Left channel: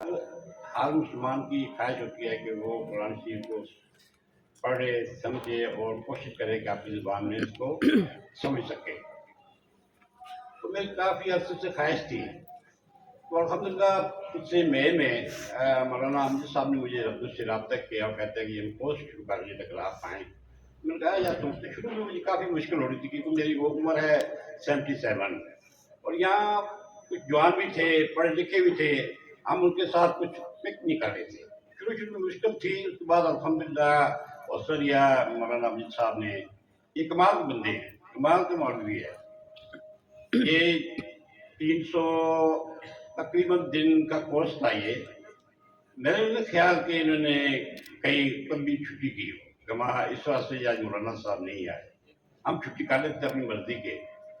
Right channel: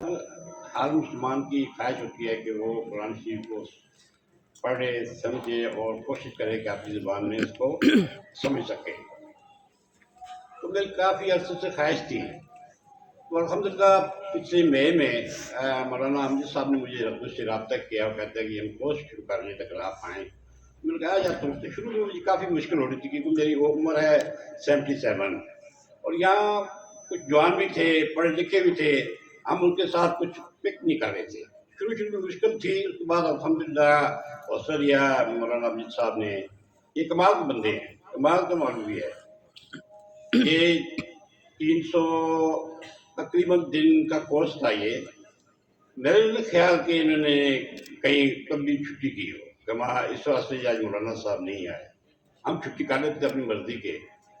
ہر مسلمان کی خواہش ہوتی ہے کہ وہ قرآن شریف کو پڑھے سمجھے اور کوشش کرے کہ اپنی زبان میں اس کو سمجھ سکے۔ تو میری کافی عرصے سے خواہش تھی، تو الحمدللہ پچھلے مئی میں مولانا امجد صاحب نے مجھے مجھ سے رابطہ کیا اور کہتے ہیں کہ ہم کورس شروع کر رہے تھے اگر آپ آئیں۔ میں نے کہا یار تم سے شروع میں مجھے کافی مشکل ہو رہی تھی کیونکہ میری وہ عمر ہے 77، اور یہاں کچھ جوان بھی تھے پڑھے لکھے بھی تھے، ہم ان کے ساتھ کچھ پک نہیں کر رہے تھے۔ شروع میں مشکل تھی، اس کے بعد الحمدللہ حوصلہ دیا مولانا امجد صاحب نے۔ یہ کمال کے بندے ہیں، کمال کے مولوی ہے۔ یہ 300 تقریباً دن کا کورس تھا۔ یہ میرے لیے خیال کہ انہوں نے کہیں لمبی چھٹی کی ہو کہ اس واسطے آج مولانا صاحب نہیں آئے۔ ہم چھٹی کر لیتے تھے اپنی مرضی کے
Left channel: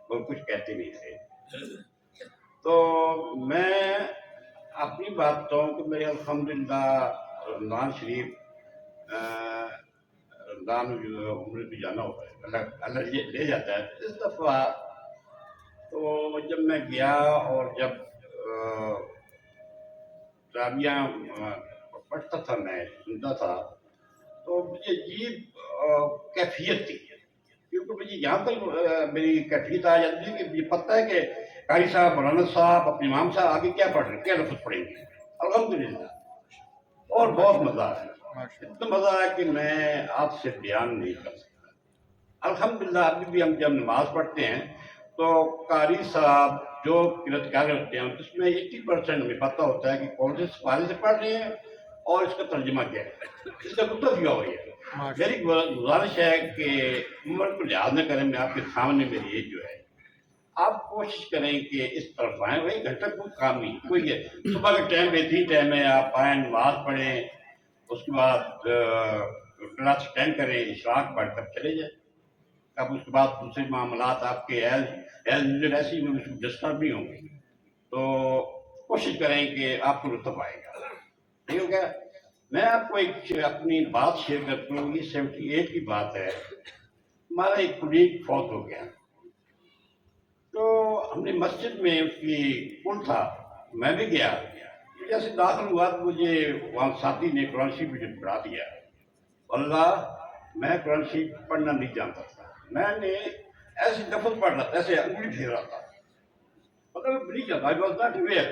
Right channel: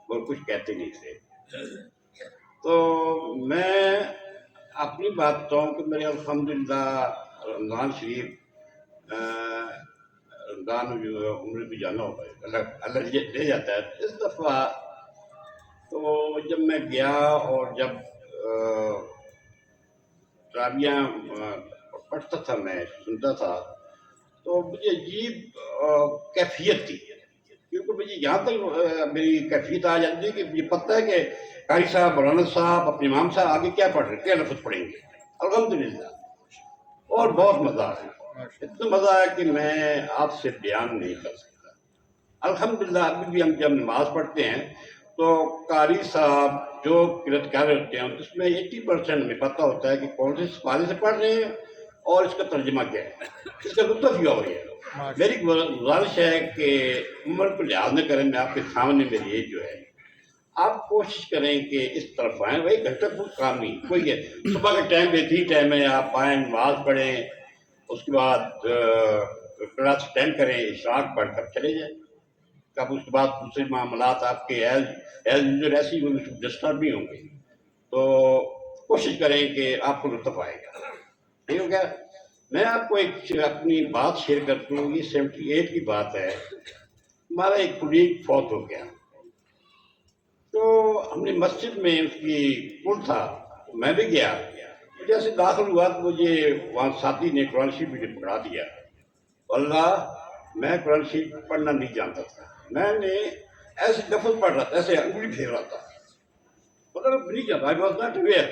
اور کچھ کہتے نہیں تھے۔ تو میں اپنی بات بتاؤں کہ میرے الحمدللہ رمضان شریف رمضان جو عمرے پہ جانا ہوتا ہے، اللہ لے جاتا ہے۔ اس دفعہ تو جب میں گیا اور جب تراویح پڑھتا تھا، میں سنتا تھا، تو مجھے عجیب کیفیت تھی، کیونکہ مجھے یہاں تک میری کیفیت آ جاتی ہے کہ مجھے پتہ ہے کہ قاری صاحب مولانا صاحب اپنے امام صاحب آگے کیا پڑھ رہے ہیں، کیا لفظ پڑھیں گے، الحمدللہ۔ اور بہت مزہ ہے، اتنا مزہ ہے کہ میں آپ سے بیان نہیں کر سکتا۔ الحمدللہ ابھی بھی ہم جب نماز پڑھتے ہیں تو قاری صاحب جو قرأت کر رہے ہوتے ہیں اس میں 80% ہمیں پتہ ہوتا ہے کہ کون سے سپارے سے پڑھ رہے ہیں اور اس کا ترجمہ کیا ہے، اس کا نقطہ کیا ہو رہی ہے۔ میری گزارش ہے کہ عمر کو لحاظ نہ کریں، میں آپ کے سامنے میری ایج جو ہے، آپ کوشش کریں کہ اس طرف آئیں۔ وہی گھنٹہ کچھ کام نہیں، کوئی ہے صبح کا ٹائم بہترین ٹائم ہے، آپ آئیں نماز پڑھیں، اس کے بعد کلاس اٹینڈ کریں، اشراق پڑھ کر چلے جائیں۔ اب اس کے بعد دوسرے معاملات آپ کے ایز یوزر ایسی ڈسٹرب نہیں ہوں گے، تو کوشش کریں کہ آپ کو لطف آئے گا، ٹھیک ہو گیا۔ میں آپ کو ایک اپنی بات شیئر کرتا ہوں، یہ 78 کی بات ہے۔ ہمارا ایک کولیگ فوت ہو گیا، تو ہم نے مسجد میں اس کی پل تھا، میں بھی گیا، جیسے داخل ہوا تو مجھے وہاں ساتھی نے قرآن شریف مجھے پڑھا دیا۔ اللہ، میں قرآن شریف پڑھنا نہیں جانتا تھا، میں نے ایسے لفظ پڑھ رہا تھا، ایسے انگلی پھیر رہا تھا، مطلب نہیں جانتا، I was not aware،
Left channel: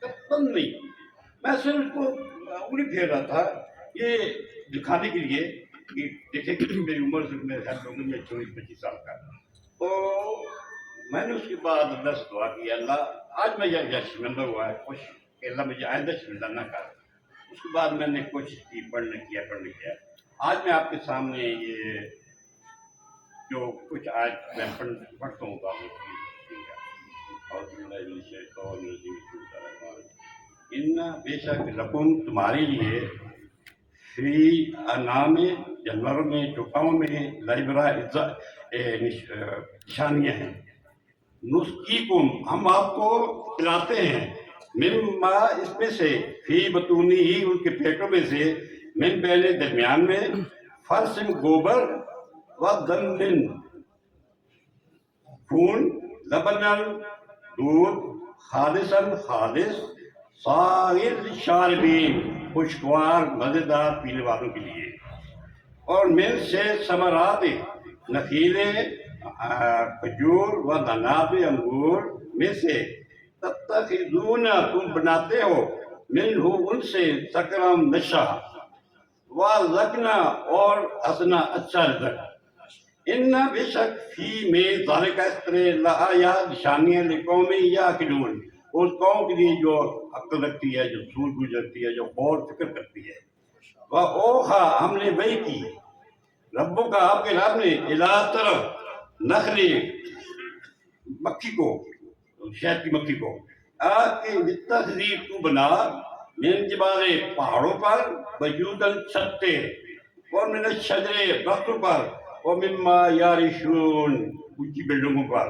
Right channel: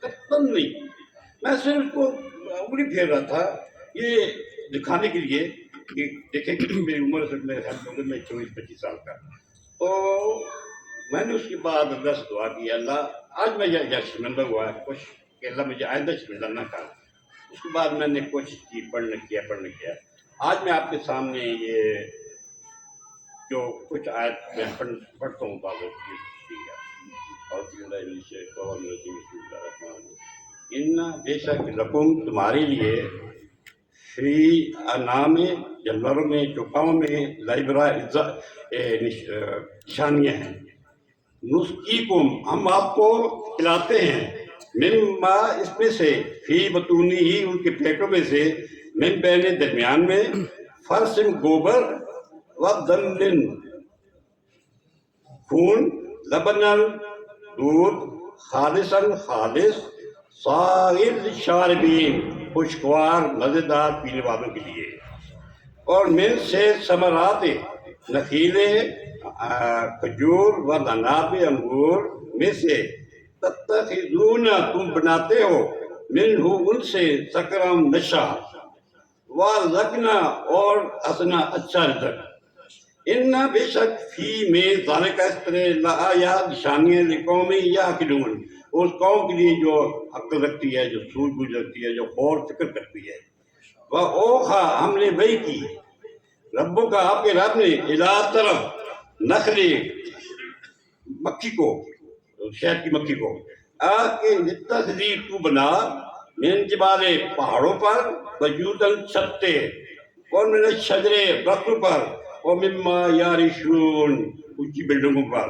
قطعاً نہیں، میں صرف اس کو انگلی پھیر رہا تھا یہ دکھانے کے لیے کہ دیکھیں کہ میری عمر سے میرے خیال میں میں 24-25 سال کا۔ تو میں نے اس کے بعد اللہ سے دعا کی، اللہ آج میں یہ شرمندہ ہوا ہے، کوشش کہ اللہ مجھے آئندہ شرمندہ نہ کر۔ اس کے بعد میں نے کوشش کی، پڑھنے کیا۔ آج میں آپ کے سامنے یہ جو کچھ آیت میں پڑھتا ہوں تو ان بے شک لکم تمہارے لیے فی انعام جانوروں میں چوپاؤں میں لائبرا نشانیاں ہیں۔ نسقیکم ہم آپ کو پلاتے ہیں، مما اس میں سے، فی بطونی ہی ان کے پیٹوں میں سے، من بین درمیان میں، فرسم گوبر ودم خون، لبنل دودھ، خالصاً خالص، سائر للشاربین خوشگوار مزیدار پینے والوں کے لیے، اور من سے ثمرات نخیلے کھجور و نناب انگور میں سے، تتخذون تم بناتے ہو، منہ ان سے سکرم نشہ، ورزقنا اور حسنا اچھا رزق، ان بے شک فی میں ذالک اس طرح لآیات نشانیاں لقوم یعقلون، اس قوم کے لیے جو عقل رکھتی ہے، جو سوجھ بوجھ رکھتی ہے، جو غور فکر کرتی ہے۔ وَأَوْحَىٰ ہم نے وحی کی، ربوں کا آپ کے رب نے، اِلیٰ طرف نخل مکھی کو، شہد کی مکھی کو، کہ اتخذی تو بنا، من جبال پہاڑوں پر، بیوتاً چھتے، اور من شجرے درختوں پر، اور مما یارشون اونچی بلڈنگوں پر،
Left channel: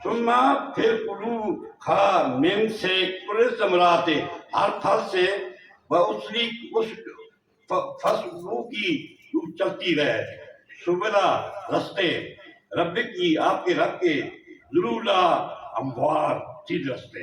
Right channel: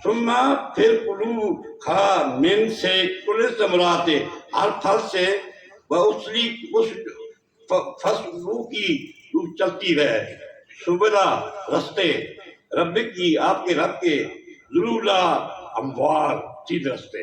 ثم پھر کلو کھا، من سے کل ثمرات ہر پھل سے، وَأُسْلِي فصلوں کی تو چلتی رہے، سبلا رستے، رب کی آپ کے رب کے، ذلولا ہموار سیدھ رستے۔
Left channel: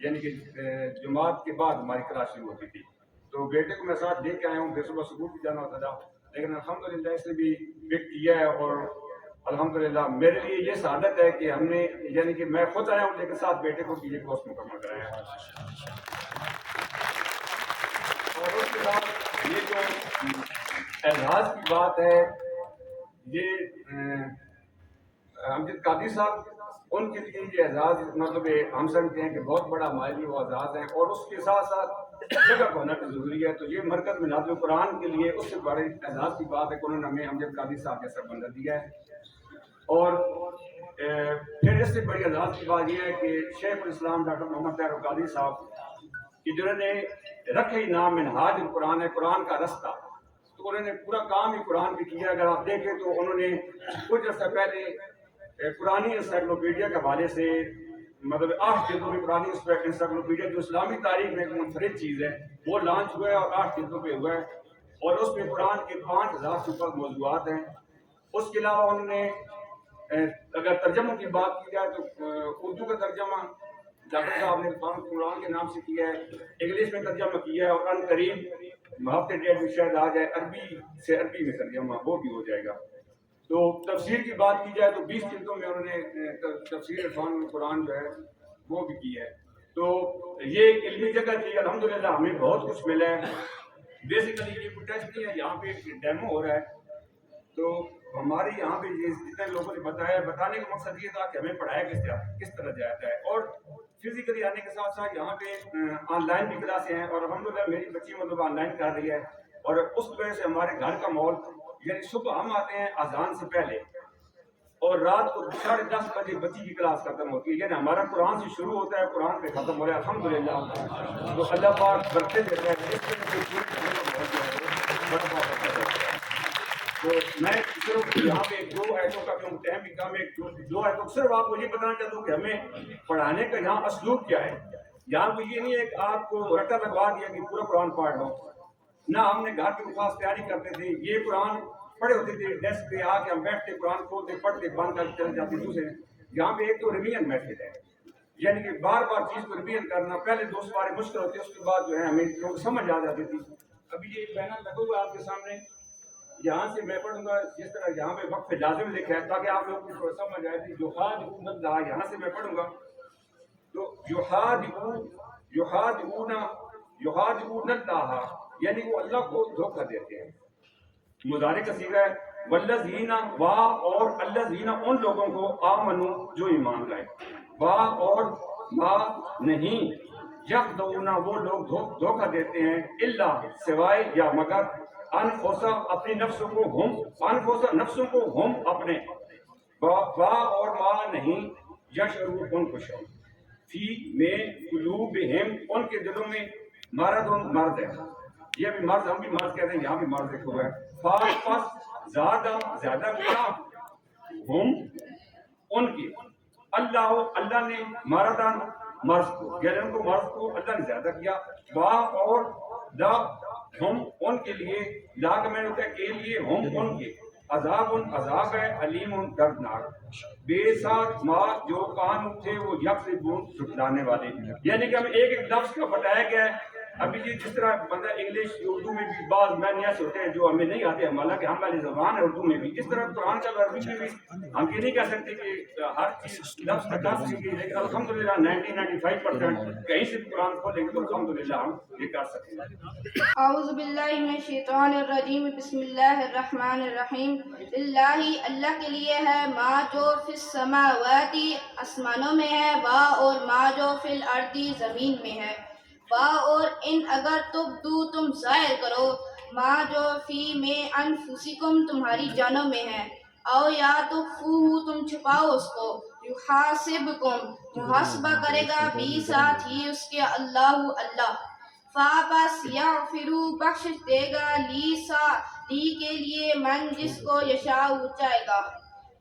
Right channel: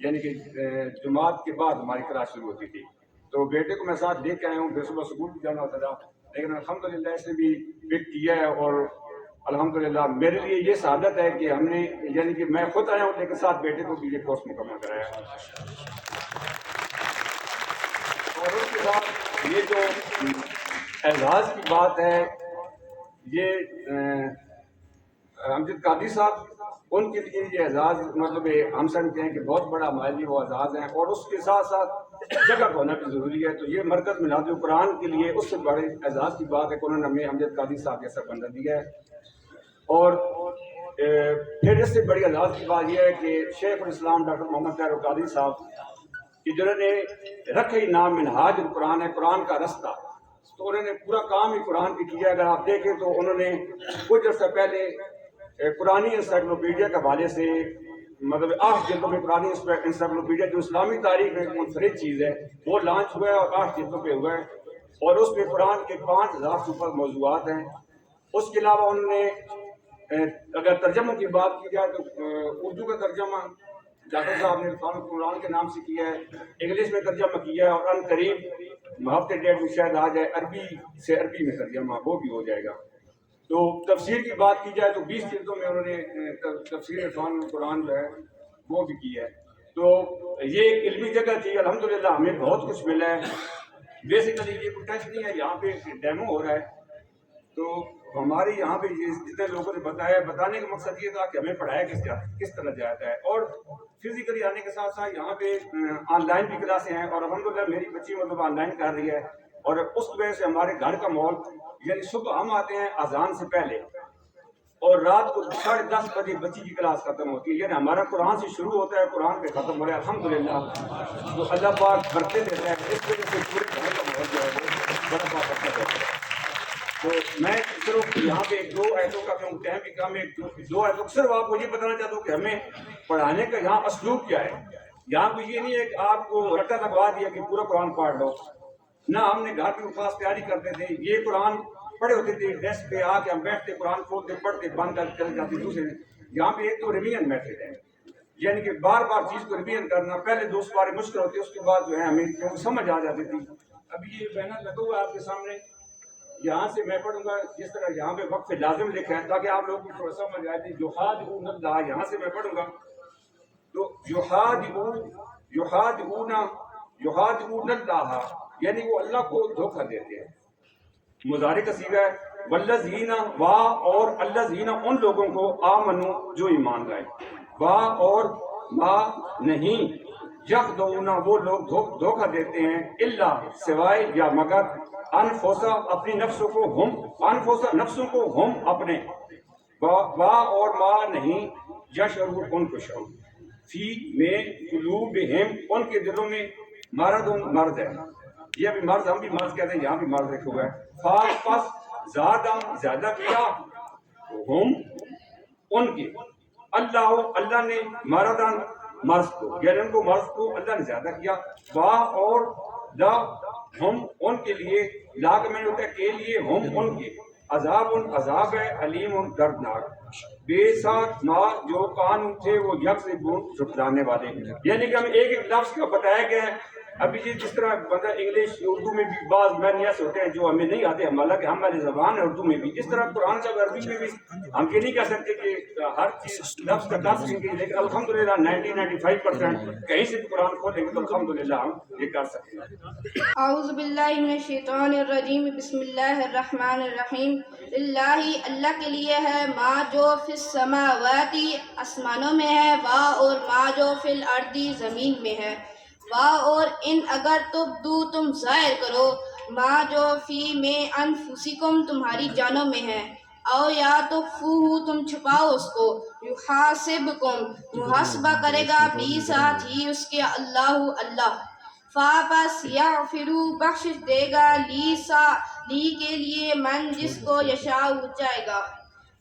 یعنی کہ جماعت کے بعد ہماری کلاس شروع ہوتی تھی. تو بیٹے کو میں ساتھ لے کے آیا ہوں، پھر صبح اسکول بھی جانا ہوتا تھا، لیکن الحمدللہ اس نے بھی پک کیا ہے. اور الحمدللہ میرے لیے یہ سعادت ہے کہ ہم نے یعنی کہ میں خود آیا ہوں لیکن ساتھ بیٹے کو بھی یہ کورس مکمل کرایا ہے. اور اس کے ساتھ یہ جو اعزاز کی بات ہے، یہ امجد قادری صاحب، ان کے لیے یہ اعزاز مطلب ہم سمجھتے ہیں کہ بہت بڑا ہمارے لیے وہ اعزاز ہیں. اور اس کے ساتھ ساتھ جگہ کو ہونا بھی ضروری ہے. تو یہ مرکز مناظر القرآن کے لیے اس سے بڑے اعزاز کی بات ہے کہ انہوں نے ہمیں امجد قادری صاحب جیسا بندہ دیا ہے. اور پھر اس سے بڑی اعزاز کی بات یہ ہے کہ شیخ الاسلام ڈاکٹر محمد طاہر القادری صاحب کہ جنہوں نے رکھے ہی نام منہاج القرآن ہے، قرآن کا رستہ، تو انہوں نے پورا کام ہی قرآن پہ کیا. اگر آپ دیکھیں تو انہوں نے کچھ عرصہ پہلے قرآنی انسائکلوپیڈیا کے حوالے سے مطلب 8 جلدوں میں قرآنی انسائکلوپیڈیا جو اسلامی تاریخ میں ایک منفرد چیز ہے وہ لانچ ہوا ہے اور 8 جلدوں پہ ہوا ہے. اور اس میں قرآن کے 5000 سے اوپر موضوعات ہیں. اس کے علاوہ انہوں نے اگر ترجموں کی بات کی جائے تو اردو کا ترجمہ ڈاکٹر صاحب نے قرآن کے نام سے کیا ہے، انگلش میں ترجمہ کیا ہے، اور ان قریب ہفتے ڈیڑھ میں شاید آ جائے عربی سے عربی میں ترجمہ وہ بھی ہو جائے گا. تو تفسیر کی بات کی جائے تو 20 جلدوں میں انہوں نے تفسیر عرفان القرآن جو ہے وہ بھی کی ہے. تو یہ علمی جگہ تھی. الحمدللہ ہمیں بہت کچھ ملا ہے. بیسیکلی یہ کوئی ٹیسٹ نہیں ہے، یہاں پہ ڈیمو ہو رہا ہے. تو ہمارے یہاں پہ جتنے لوگوں نے بتایا، بتانے کا مقصد یہ تھا کہ ہمیں پڑھایا کس طرح جاتا ہے. اور فزیکلی آنے کے ساتھ ساتھ یہاں پہ آن لائن بھی کلاسیں ہیں، اور الحمدللہ میری بچی مطلب آن لائن کر رہی ہے. اور اس وجہ سے ہمارے گھر کا ماحول یعنی صبح ہم آتے ہیں اذان سے پہلے اور رات کو 10:30 بجے بچی کی کلاس ختم ہوتی ہے. یعنی ہمارا قرآن سے شروع ہوتا ہے، قرآن پہ ختم ہو رہا ہے. الحمدللہ تو اللہ پاک برکت دیتا ہے. اس وجہ سے پورے گھر کا ماحول جو ہے وہ بڑا برکت دیتا ہے. تو میں صرف یہاں پہ 2 آیتوں کا کیوں ٹائم بھی کم ہے، 2 آیتوں صرف آپ کو یہ بتانا چاہتا ہوں کہ ہمیں پڑھانے کا یہاں اسلوب کیا ہے. یہاں پہ یہ نہیں ہے کہ آپ کو رٹا لگوا دیا کہ پورا قرآن پڑھ لو. نہ ہم نے گھر پہ خاص تیاری کرتے تھے. یہ قرآن پڑھے ہوتے تھے، ڈیسک پہ آ کے ہم بیٹھتے قرآن کھولتے پڑھتے بند کر چلے جاتے دوسرے. یہاں پہ ایک تو ریویژن میتھڈ ہے، یعنی کہ بار بار چیز کو ریویژن کرنا. پہلے 2 سپارے مشکل ہوتے، اس کے بعد جو ہے ہمیں کیونکہ سمجھ آ جاتی تھی. ابھی یہ بیانات لگا ہوا ہے آپ کے سامنے. یہاں سے میں پڑھوں گا جس طرح یہاں پہ وقف لازم لکھا ہے تاکہ آپ لوگوں کو تھوڑا سمجھ آئے تھی. یحادعون اللہ، یہاں سے میں پڑھوں گا تو یحادعون اللہ یعنی وہ اللہ کو دھوکہ دیتے ہیں. مضارع کا صیغہ ہے والذین وا اور الذین ان لوگوں کو آمنو جو ایمان لائے، وا اور ما نہیں، یخدعون وہ لوگ دھوکہ دیتے ہیں، الا سوائے یا مگر انفسا اپنی نفسوں کو، ہم انفسا نفسوں کو، ہم اپنے، وا اور ما نہیں، یشعرون ان کو شعور، فی میں قلوبہم ان کے دلوں میں مرض ہے. یہ بھی مرض ہم بھی مرض کہتے ہیں، یہاں بھی مرض لکھا ہوا ہے. پس زیادہ کیا ہم ان کی، اللہ نے مردن مرض کو، یعنی ان کو مرض کو اللہ نے زیادہ کیا. وا اور لا ہم ان کے لیے، لا کا معنی ہوتا ہے کے لیے، ہم ان کے، عذاب ہے، علیم دردناک، بے ساتھ ما جو قانون تھے وہ یکذبون جھٹلانے والے. یعنی کہ ہمیں ایک لفظ کا بتایا گیا ہے. ابھی یہ جس طرح بندہ انگلش اردو میں بھی بعض معنی ایسے ہوتے ہیں جو ہمیں نہیں آتے، حالانکہ ہماری زبان ہے اردو میں بھی. اس طرح قرآن کا عربی میں بھی ہم یہ نہیں کہہ سکتے کہ ہر چیز لفظ کا دس سیکھیں، لیکن الحمدللہ 90-95% کہیں سے بھی قرآن کھولیں گے تو الحمدللہ ہم یہ کر سکیں گے. اعوذ باللہ من الشیطان الرجیم، بسم اللہ الرحمن الرحیم. اللہ کے لیے ہے ما جو فی السماوات آسمانوں میں ہے، وا اور ما جو فی الارض زمین میں ہے. وا اور ان اگر تم ظاہر کرو، ما جو فی میں انفسکم تمہاری جانوں میں ہے، او یا تخفوہ تم چھپاؤ اس کو، یحاسبکم محاسبہ کرے گا، بھی ساتھ ہی اس کے اللہ. فاپس یغفرو بخش دے گا، لی کے لیے من جس کو یشاء چاہے گا،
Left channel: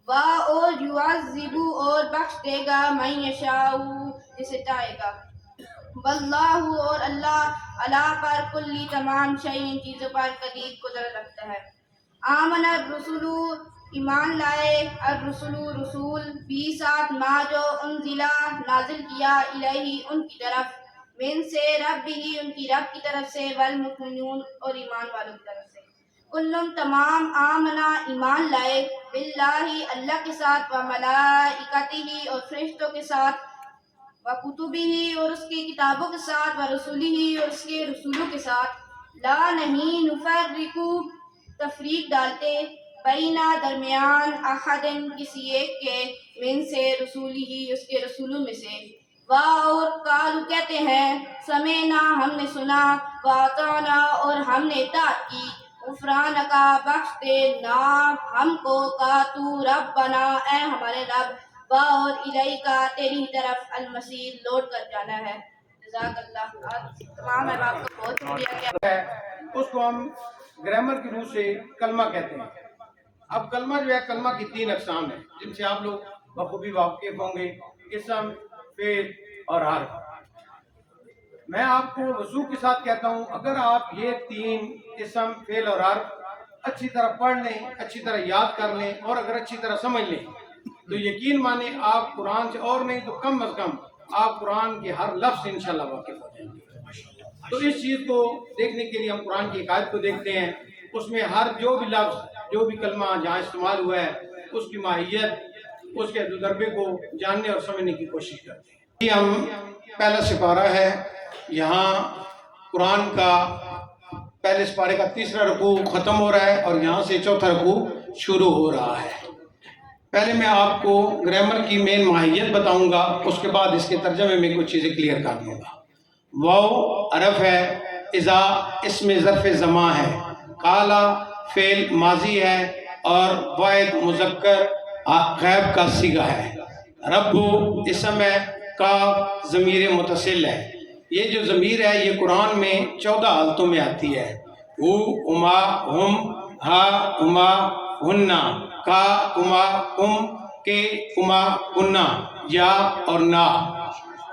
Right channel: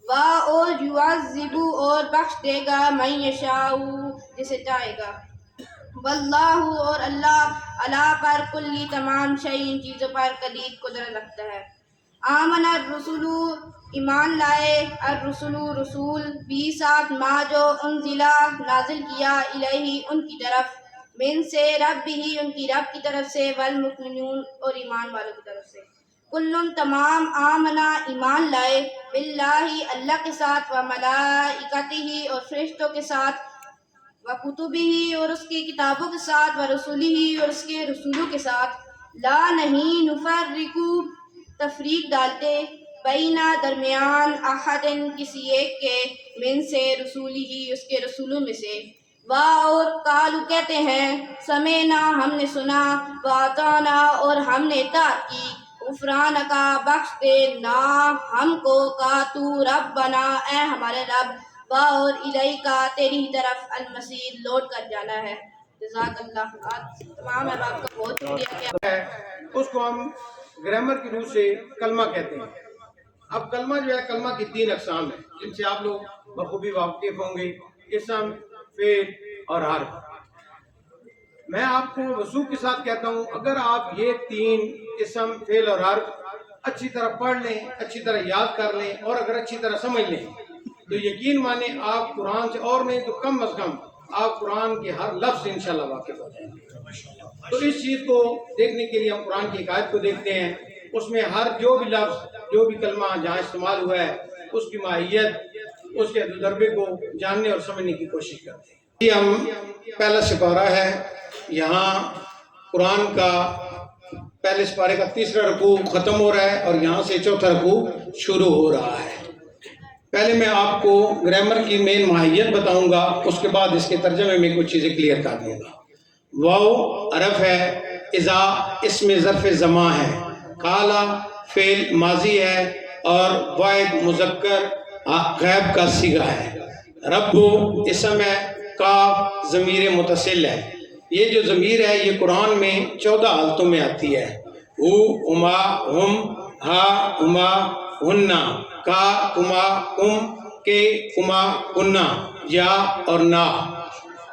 وا اور یعذبو اور بخش دے گا من یشاء جسے چاہے گا. واللہ اور اللہ پر کلی تمام شیء چیزوں پر قدیر قدرت رکھتا ہے. آمن الرسول ایمان لائے الرسول رسول بھی ساتھ ما جو انزلہ نازل کیا الہی ان کی طرف من سے رب ہی ان کی رب کی طرف سے والمؤمنون اور ایمان والوں کی طرف سے کلن تمام آمنا ایمان لائے باللہ اللہ کے ساتھ و ملائکتہ اور فرشتوں کے ساتھ و کتبہ اور اس کی کتابوں کے ساتھ و رسولہ اور اس کے رسولوں کے ساتھ لا نہیں نفرقو تفریق ڈالتے بینا درمیان احد کسی ایک کے من سے رسولی ہی اس کے رسولوں میں سے اور قالو کہتے ہیں سمینا ہم نے سنا واتانا اور ہم نے اطاعت کی غفران کا بخش دے نا ہم کو کا تو رب بنا اے ہمارے رب اور الہی کا تیری طرف المصیر لوٹ کر جانا ہے جزاک اللہ تمام احباب کا بہت شکریہ اس کو ہم گرامر کی روح سے کلمہ کہتے ہیں. اب کلمہ جو ہے کلمہ کی 3 اقسام ہیں جن سے آپ لوگ بخوبی واقف ہوں گے اسم فعل اور حرف. میں آپ کو وضوح کے ساتھ کہتا ہوں اگر آپ یہ 3 اسم فعل اور حرف اچھی طرح پڑھ لیں اچھی طرح یاد کر لیں اور اگر اچھی طرح سمجھ لیں تو یقین مانیں آپ قرآن سے اور نہیں تو کم از کم آپ قرآن کے ہر لفظ سے انشاءاللہ واقف ہو جائیں گے. تو اس چیز کو دیکھنے کے لیے ہم قرآن کی ایک آیت کو دیکھتے ہیں. اس میں ہر جو بھی لفظ جو بھی کلمہ جہاں استعمال ہوا ہے اس کی ماہیت اس کے تجربے کو جاننے اور سمجھنے کی کوشش کرتے ہیں. یہ ہم پہلا سپارہ ہے. یہاں قرآن کا پہلے سپارے کا 3را رکوع ختم ہو رہا ہے اور یہاں سے 4تھا رکوع شروع ہو رہا ہے. پہلے میں آپ کو گرامر کی مین ماہیت بتاؤں گا اس کے بعد اس کے ترجمے میں کچھ چیزیں کلیئر کر دوں گا. واو عرف ہے, اذا اس میں ظرف زمان ہے, قالا فعل ماضی ہے اور واحد مذکر غیب کا صیغہ ہے, رب اسم ہے, کاف ضمیر متصل ہے. یہ جو ضمیر ہے یہ قرآن میں 14 حالتوں میں آتی ہے. ہو ہما ہم, ہا ہما ہننا, کا ہما ہم, کے ہما ہننا, یا اور نا.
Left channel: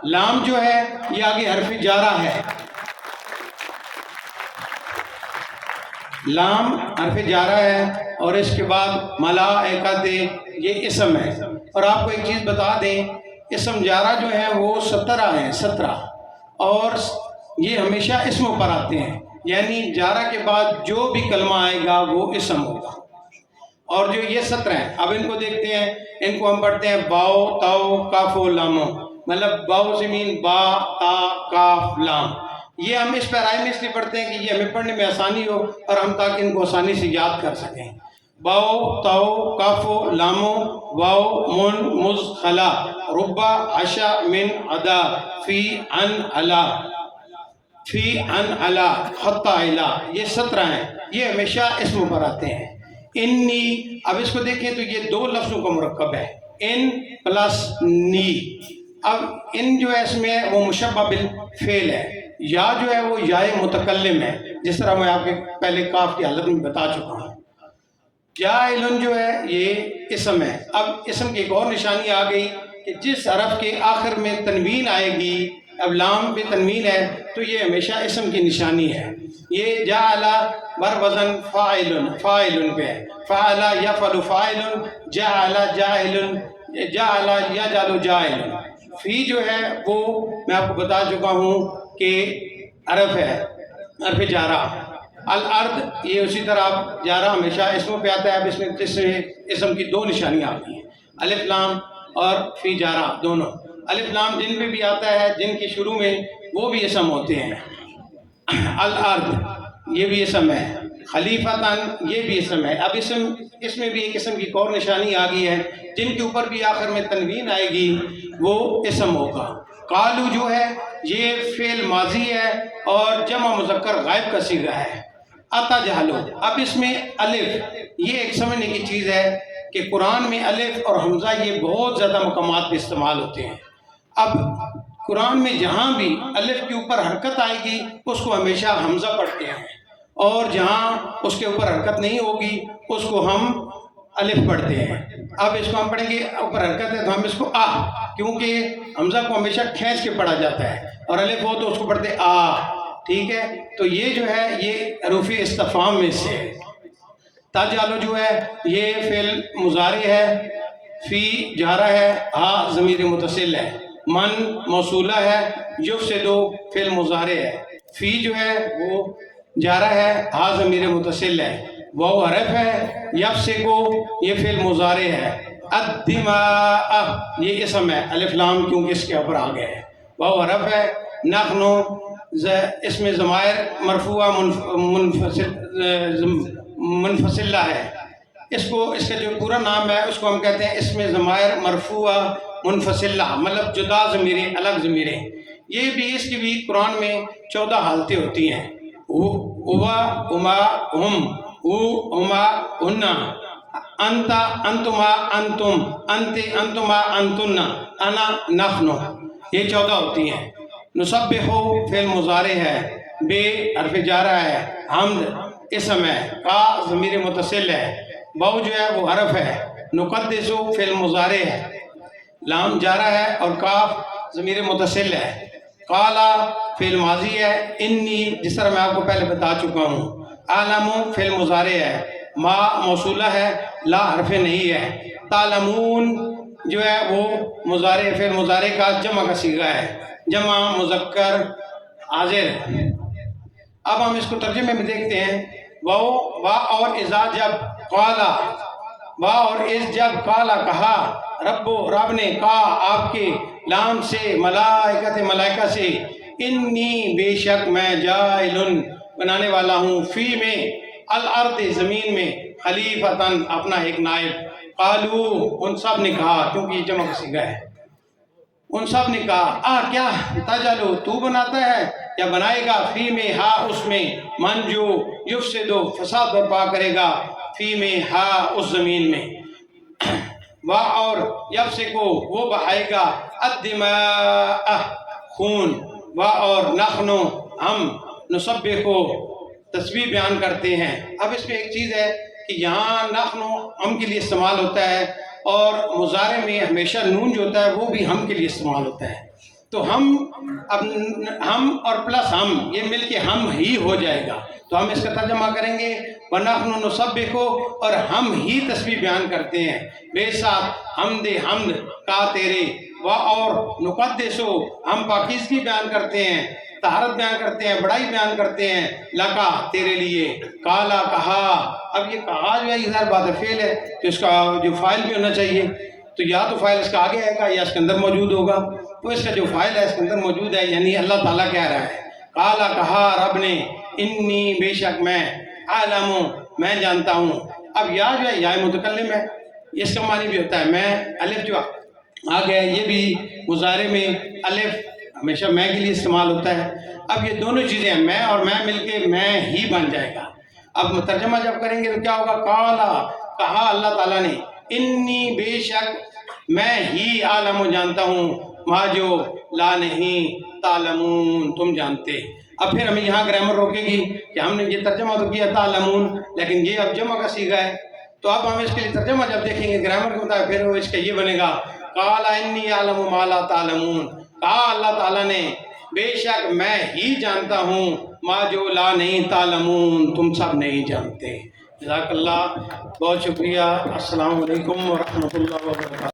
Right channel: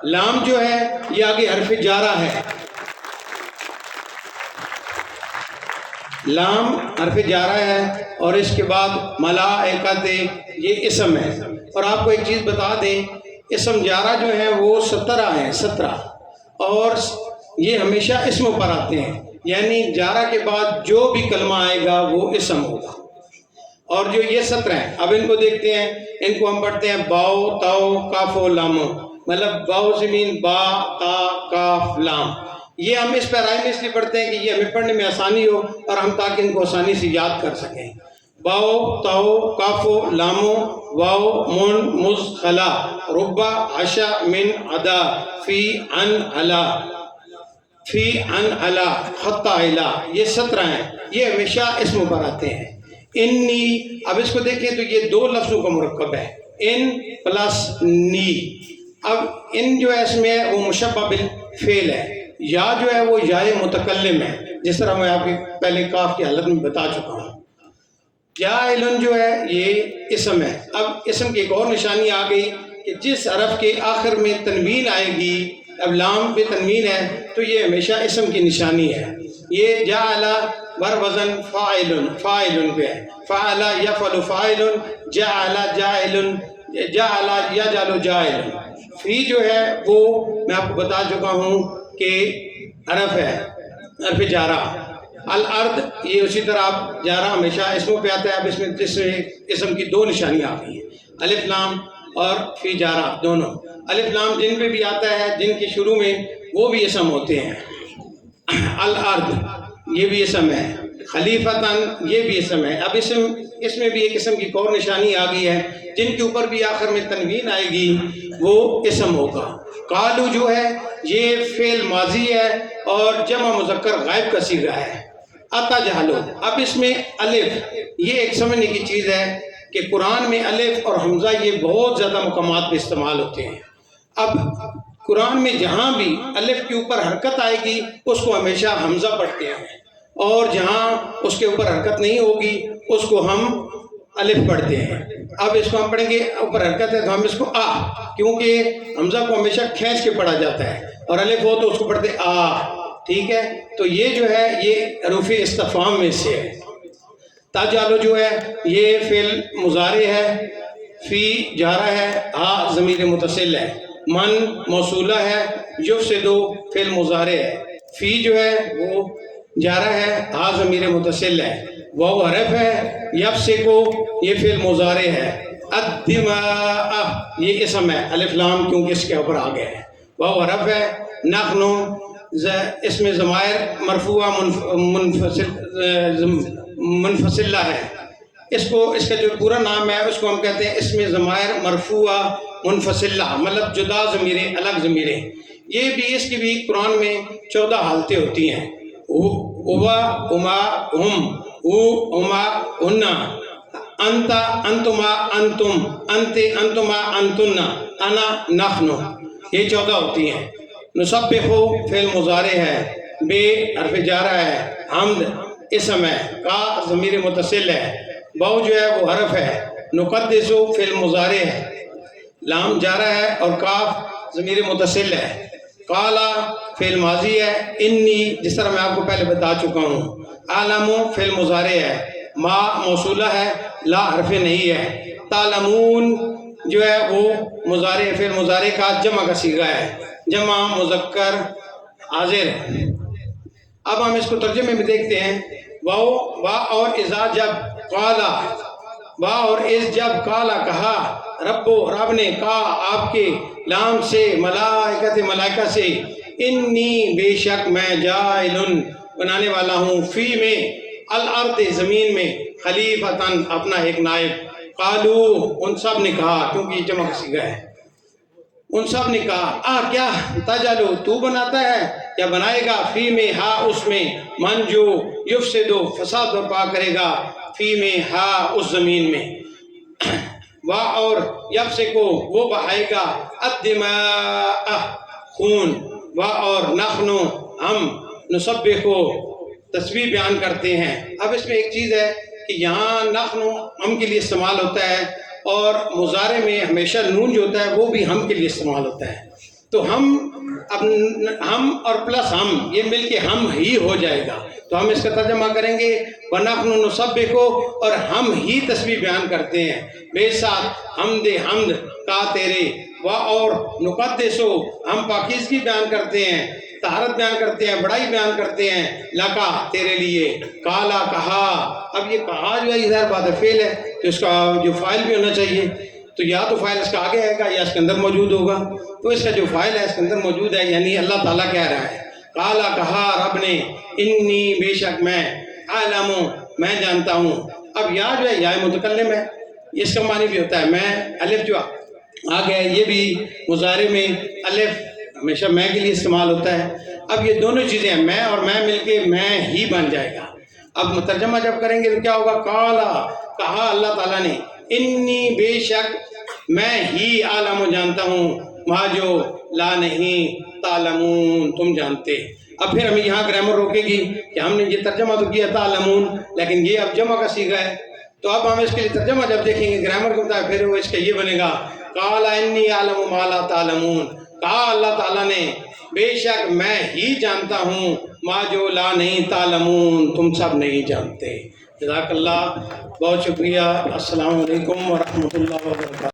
لام جو ہے یہ آگے حرف جارہ ہے. لام حرف جارہ ہے اور اس کے بعد ملائکت یہ اسم ہے. اور آپ کو ایک چیز بتا دیں اسم جارہ جو ہے وہ 17 ہیں, 17, اور یہ ہمیشہ اسم پر آتے ہیں. یعنی جارہ کے بعد جو بھی کلمہ آئے گا وہ اسم ہوگا. اور جو یہ 17 ہیں اب ان کو دیکھتے ہیں. ان کو ہم پڑھتے ہیں باؤ تاؤ کاف و لامو, مطلب باؤ زمین با تا کاف لام. یہ ہم اس پیرائے میں اس لیے پڑھتے ہیں کہ یہ ہمیں پڑھنے میں آسانی ہو اور ہم تاکہ ان کو آسانی سے یاد کر سکیں. باؤ تاؤ کاف و لامو واو من مز خلا ربا عشا من عدا فی ان علا فی ان علا خطا علا. یہ 17 ہیں, یہ ہمیشہ اسم پر آتے ہیں. انی, اب اس کو دیکھیں تو یہ 2 لفظوں کا مرکب ہے, ان پلس نی. اب ان جو ہے اس میں وہ مشبہ بالفعل ہے. یا جو ہے وہ یائے متکلم ہے, جس طرح میں آپ کے پہلے کاف کی حالت میں بتا چکا ہوں. جاعلن جو ہے یہ اسم ہے. اب اسم کی ایک اور نشانی آ گئی کہ جس حرف کے آخر میں تنوین آئے گی, اب لام پہ تنوین ہے تو یہ ہمیشہ اسم کی نشانی ہے. یہ جعل بر وزن فاعل, فاعل پہ ہے. فعل یفعل فاعل, جعل جاعل, جعل یجعل جاعل. فی جو ہے وہ میں آپ کو بتا چکا ہوں کہ حرف ہے, حرف جارہ. الارض یہ اسی طرح آپ جارہ ہمیشہ اسموں پہ آتا ہے. اب اس میں اسم کی 2 نشانیاں آ گئی ہیں, الف لام اور فی جارہ دونوں. الف لام جن پہ بھی آتا ہے, جن کے شروع میں وہ بھی اسم ہوتے ہیں. الارض یہ بھی اسم ہے, خلیفتاً یہ بھی اسم ہے. اب اس میں بھی ایک اسم کی اور نشانی آ گئی ہے, جن کے اوپر بھی آخر میں تنوین آئے گی وہ اسم ہوگا. قالو جو ہے یہ فعل ماضی ہے اور جمع مذکر غائب کا صیغہ ہے. اتا جہلو, اب اس میں الف یہ ایک سمجھنے کی چیز ہے کہ قرآن میں الف اور حمزہ یہ بہت زیادہ مقامات پہ استعمال ہوتے ہیں. اب قرآن میں جہاں بھی الف کے اوپر حرکت آئے گی اس کو ہمیشہ حمزہ پڑھتے ہیں, اور جہاں اس کے اوپر حرکت نہیں ہوگی اس کو ہم الف پڑھتے ہیں. اب اس کو ہم پڑھیں گے اوپر حرکت ہے تو ہم اس کو آ, کیونکہ حمزہ کو ہمیشہ کھینچ کے پڑھا جاتا ہے, اور الف ہو تو اس کو پڑھتے آ. ٹھیک ہے, تو یہ جو ہے یہ حروف استفہام میں سے ہے. تجعلو جو ہے یہ فعل مضارع ہے، فی جارہ ہے، ہا ضمیر متصل ہے، من موصولہ ہے، یفسدو فعل مضارع ہے، فی جو ہے وہ جارہ ہے، ہا ضمیر متصل ہے، واو حرف ہے، یفسکو یہ فعل مضارع ہے، الدماء یہ اسم ہے، الف لام کیونکہ اس کے اوپر آ گیا ہے، واو حرف ہے، نحنو اسم ضمائر مرفوع منفصلہ ہے، اس کا جو پورا نام ہے اس کو ہم کہتے ہیں اسم ضمائر مرفوع منفصلہ، مطلب جدا ضمیریں، الگ ضمیریں۔ یہ بھی اس کی بھی قرآن میں 14 حالتیں ہوتی ہیں، ہوا، ہما، ہم، ہو، ہما، ہنہ، انت، انتما، انتم، انت، انتما، انتن، انا، نحن، یہ 14 ہوتی ہیں۔ نسبحو فعل مضارع ہے، بے حرف جارہ ہے، حمد اسم ہے، کا ضمیر متصل ہے، واو جو ہے وہ حرف ہے، نقدسو فعل مضارع ہے، لام جارہ ہے اور کاف ضمیر متصل ہے، قالا فعل ماضی ہے، انی جس طرح میں آپ کو پہلے بتا چکا ہوں، عالمو فعل مضارع ہے، ما موصولہ ہے، لا حرف نہیں ہے، تعلمون جو ہے وہ مضارع فعل مضارع کا جمع کا صیغہ ہے، جمع مذکر حاضر۔ اب ہم اس کو ترجمے میں دیکھتے ہیں، وا اور اذا جب، قالا وا اور از جب، قالا کہا، رب نے، کہا آپ کے، لام سے، ملائکت ملائکہ سے، انی بے شک میں، جائلن بنانے والا ہوں، فی میں، الارض زمین میں، خلیفتاً اپنا ایک نائب، قالو ان سب نے کہا کیونکہ یہ جمع کا صیغہ ہے، ان سب نے کہا کیا تجعلو تو بناتا ہے یا بنائے گا، فی میں ہا اس میں، من جو یفسدو فساد برپا کرے گا، فی میں ہا اس زمین میں، وا اور یفسکو وہ بہائے گا، الدماء خون، وا اور نحنو ہم، نسبحو تسبیح بیان کرتے ہیں۔ اب اس میں ایک چیز ہے کہ یہاں نحنو ہم کے لیے استعمال ہوتا ہے اور مضارع میں ہمیشہ نون جو ہوتا ہے وہ بھی ہم کے لیے استعمال ہوتا ہے، تو ہم اور پلس ہم یہ مل کے ہم ہی ہو جائے گا، تو ہم اس کا ترجمہ کریں گے وَنَحْنُ نُسَبِّحُ اور ہم ہی تسبیح بیان کرتے ہیں، بے ساتھ حمد کا تیرے، اور نقدسو ہم پاکیزگی بیان کرتے ہیں، طہارت بیان کرتے ہیں، بڑائی بیان کرتے ہیں، لکا تیرے لیے، کالا کہا، اب یہ کہا جو ہے یہ ظاہر بات فعل ہے تو اس کا جو فاعل بھی ہونا چاہیے، تو یا تو فاعل اس کا آگے آئے گا یا اس کے اندر موجود ہوگا، تو اس کا جو فاعل ہے اس کے اندر موجود ہے، یعنی اللہ تعالیٰ کہہ رہا ہے، کالا کہا رب نے، انی بے شک میں، عالم میں جانتا ہوں۔ اب یا جو ہے یا متکلم ہے، اس کا معنی بھی ہوتا ہے میں، الف جو آ گیا یہ بھی مضارع میں الف ہمیشہ میں کے لیے استعمال ہوتا ہے۔ اب یہ دونوں چیزیں میں اور میں مل کے میں ہی بن جائے گا۔ اب ترجمہ جب کریں گے تو کیا ہوگا، کالا کہا اللہ تعالیٰ نے، انی بے شک میں ہی عالم جانتا ہوں، ما جو لا نہیں تعلمون تم جانتے۔ اب پھر ہمیں یہاں گرامر روکے گی کہ ہم نے یہ ترجمہ تو کیا تعلمون لیکن یہ اب جمع کا صیغہ ہے، تو اب ہم اس کے لیے ترجمہ جب دیکھیں گے گرامر کو بتایا پھر اس کا یہ بنے گا، قال انی اعلم ما لا تعلمون، کہا اللہ تعالیٰ نے بے شک میں ہی جانتا ہوں، ما جو لا نہیں تعلمون تم سب نہیں جانتے۔ جزاک اللہ، بہت شکریہ، السلام علیکم ورحمۃ اللہ وبرکاتہ۔